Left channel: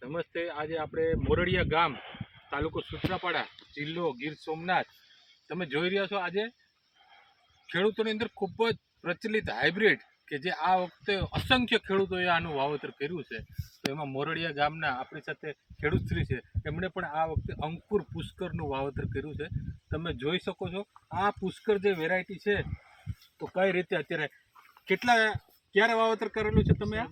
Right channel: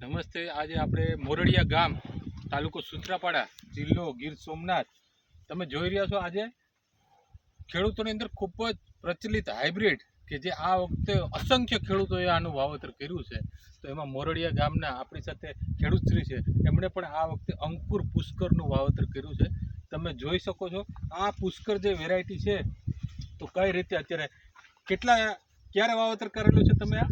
નમસ્તે, આજે આપણે મોરડિયા ગામ, તાલુકો સુત્રાપાડા જિલ્લો ગીર સોમનાથ. તમે જોઈ રહ્યા છો આજે ખેડૂતોની અંદર ખૂબ જ પ્રચલિત હાઇબ્રિડ કે જે આ વખતે અસંખ્ય ખેડૂતોએ આનું વાવેતર કર્યું છે. તો એમાં મોરડિયા ગામના આપણી સાથે ખેડૂતશ્રી છે. એમણે પણ આ વખતે અંકુર પુષ્કરનું વાવેતર કર્યું છે. તમે જોઈ શકો છો, આ પુષ્કર જે વેરાયટી છે, તો કઈ રીતે અત્યારે કેટલા ક્યારે વાવેતર કરેલું છે તમે આ?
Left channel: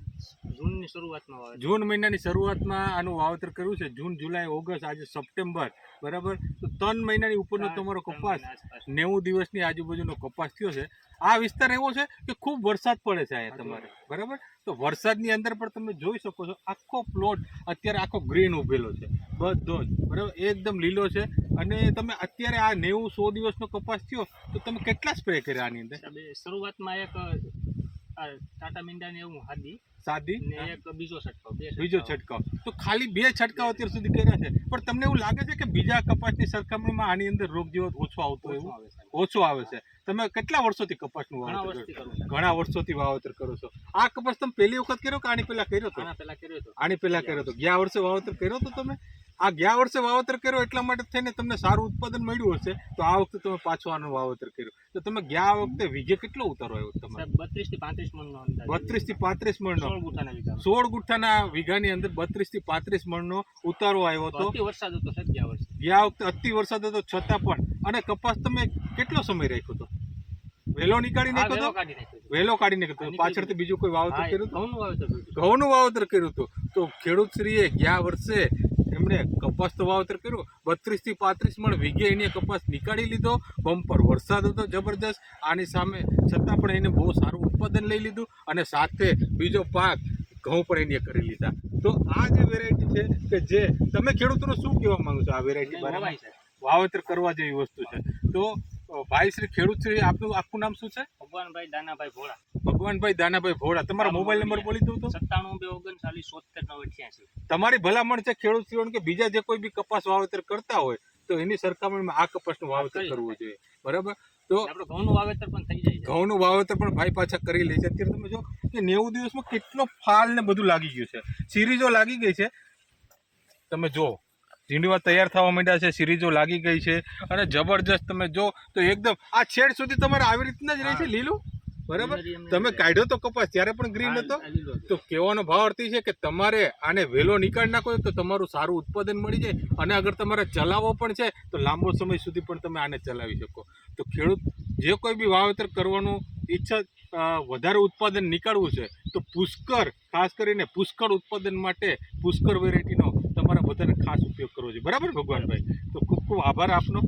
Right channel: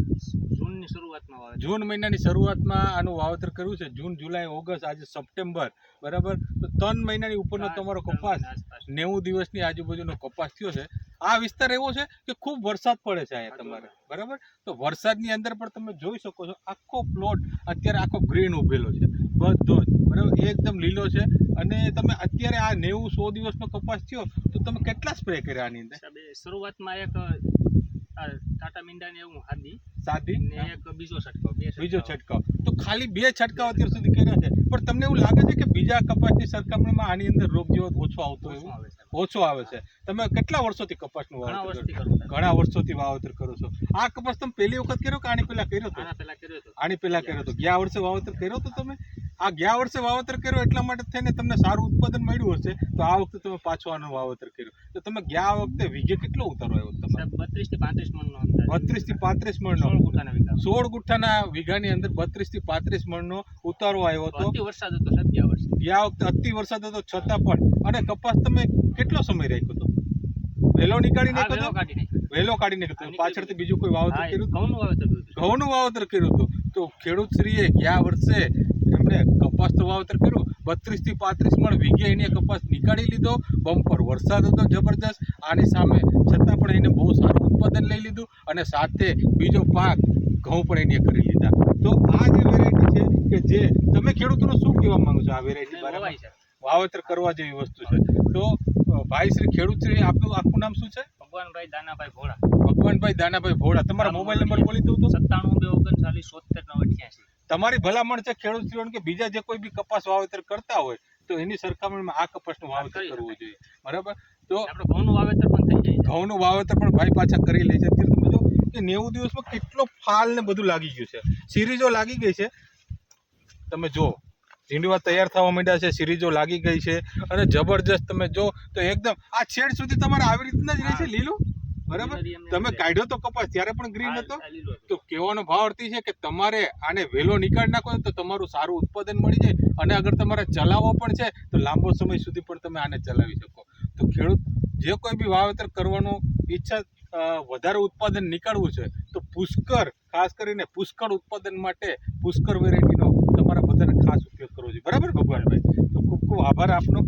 જૂનની શરૂઆતમાં વાવે જૂન મહિનાની શરૂઆતમાં આનું વાવેતર કર્યું છે. જૂન જુલાઈ ઓગસ્ટ આજે સપ્ટેમ્બર. બરાબર? તો ત્રણ મહિનાની ઉપરનો તમારો કપાસ નેવું દિવસની આજુબાજુનો કપાસ થયો છે. આ વિસ્તાર એવો છે કે ખૂબ વરસાદ પડે છે અહીંયા તમારે. બરાબર? તો વરસાદની અંદર પણ તમે જોઈ શકો છો આખો પ્લોટ અત્યારે આખો ગ્રીન ઉભેલો છે. બધો જ. બરાબર? એકદમ લીલો છે. અને તમે અત્યારે આ નેવું સો દિવસનો કપાસ થયો તો તમે કેટલા સ્પ્રે કર્યા આની અંદર? શરૂઆતમાં એક ટાટા મીંડાની એવું હાદી. સાદી? ને એક બીજો છંટકાવ બે બીજો છંટકાવ. તો ખાલી બે છંટકાવ અત્યાર સુધી કર્યા છે. પણ તમને એવું લાગે છે કે બીજા કપાસની સરખામણીમાં આની અંદર રોગ જેવો ઓછો આવતો એવું. ઓછો આવે છે. તમે કેટલા વર્ષોથી કપાસનું વાવેતર કરો ઘણા વર્ષોથી વાવેતર કરો છો. આ કપાસ તમે પહેલી વખત કર્યો કે આની પહેલા કર્યો હતો? આના પહેલા કર્યો હતો. આની પહેલા કર્યો હતો. ગયા વર્ષે વાવેતર કર્યો હતો તમે? આ ગયા વર્ષે વાવતર કર્યો એટલા માટે થઈને તમને સારું ઉત્પાદન મળ્યું હશે તો આ વખતે તમે પાછું આનું વાવતર કર્યું. તો તમે ગયા વખતે વીઘે કેટલો ઉતારો આવ્યો તમારે? બત્રીસથી પાંત્રીસ મણનો બત્રીસથી પાંત્રીસ મણનો. સોળ ગુઠાના વીઘા સોળ ગુઠ્ઠાના વીઘાની અંદર બત્રીસથી પાંત્રીસ મણનો ઉતારો આવ્યો હતો. અતિ વરસાદ હતો સાહેબ ગયા વર્ષે. ગયા વખતે અતિ વરસાદ હતો છતાં પણ. અને કપાસ તમે કેટલો સમય રાખ્યો હતો? વહેલો નીકાળી નાખ્યો વેલો કાઢી વહેલો કાઢી નાખ્યો પાછળથી બીજું કોઈ વાવતર કર્યું હતું? ઘઉંનું વાવેતર કર્યું હતું. ઘઉંનું વાવેતર કર્યું હતું. તો ખેડૂત શ્રીએ ગયા વર્ષે કપાસ તો વાવેતર કર્યું બત્રીસથી પાંત્રીસ મણ વીઘે એને કપાસ નીકાળી લીધો બમ્પર વરસાદ હતો જબરદસ્ત આની સામે છતાં પણ એને બહુ સારું ઉત્પાદન લઈ લીધું અને સાથે બીજો પાક ઘઉં પણ એને કરી લીધા. તો આ જે વેરાયટી છે કે જે તમે ખેડૂતોનું શું કહેવા માંગો છો આ વેરાયટી. વાવેતર કરવા જેવી વસ્તુ છે. તો ભાઈ શ્રી ખેડૂત શ્રી આપનું આખું નામ શું છે? ભગવાનભાઈ દાનાભાઈ ભોળા. ભગવાનભાઈ દાનાભાઈ ભોળા. તમારા મોબાઈલ નંબર બોલી દઉં તો? સત્તાણું બે ઓગણચાલીસ સોતેર નવ અઠ્યાસી તમારી ભલામણ છે ખેડૂત શ્રીઓને કે બીજા જે કોઈ બી કપાસ વાવેતર કરતા હોય તો એની સરખામણીમાં આ કપાસનું વાવેતર કરવું જોઈએ. બરાબર? તો આપણે ઘઉંનું વાવેતર પણ થઈ જાય. ઘઉંનું વાવેતર પણ ભાઈ પાછા કરી લે છે. અત્યારે તમે જો કે નેવું દિવસમાં કેટલો ફાલ ને બધું લાગી ગયું છે. સિરીઝો લાગી ગઈ છે. તમે જો ઝીંડવા તૈયાર થવા માંડ્યા છે સિરીઝો લાગી ગઈ છે. અને જબરજસ્ત તમે જો તો એકદમ આ છેડ સુધી તમારે આવી રીતના જ રહે છે લીલું? બરાબર? તમે. કાઢ્યો તો કપાસ ત્યારે પણ ગ્રીન હતો. તો કહેવાનો ભાવ અર્થી છે કે તમારે આને વહેલો નીકાળી નાખો તો તમારું સારું ઉત્પાદન મળી જાય અને અગર તમારે ચલાવવો પણ છે તો લાંબો સમય સુધી પણ તમે આને ચલાવી શકો. તો ખેડૂત જે કોઈ બી વાવેતર કરવાનું ઈચ્છા વધારે ઉત્પાદન નીકળવું છે તો પુષ્કર ખાસ કરીને પુષ્કળ ઉત્પાદન માટે પુષ્કર વેરાયટીનો તમારા બધાને ખાસ ઉપયોગ કરવો જોઈએ બરાબર ભગવાનભાઈ? તો ખૂબ ખૂબ આભાર આપનો.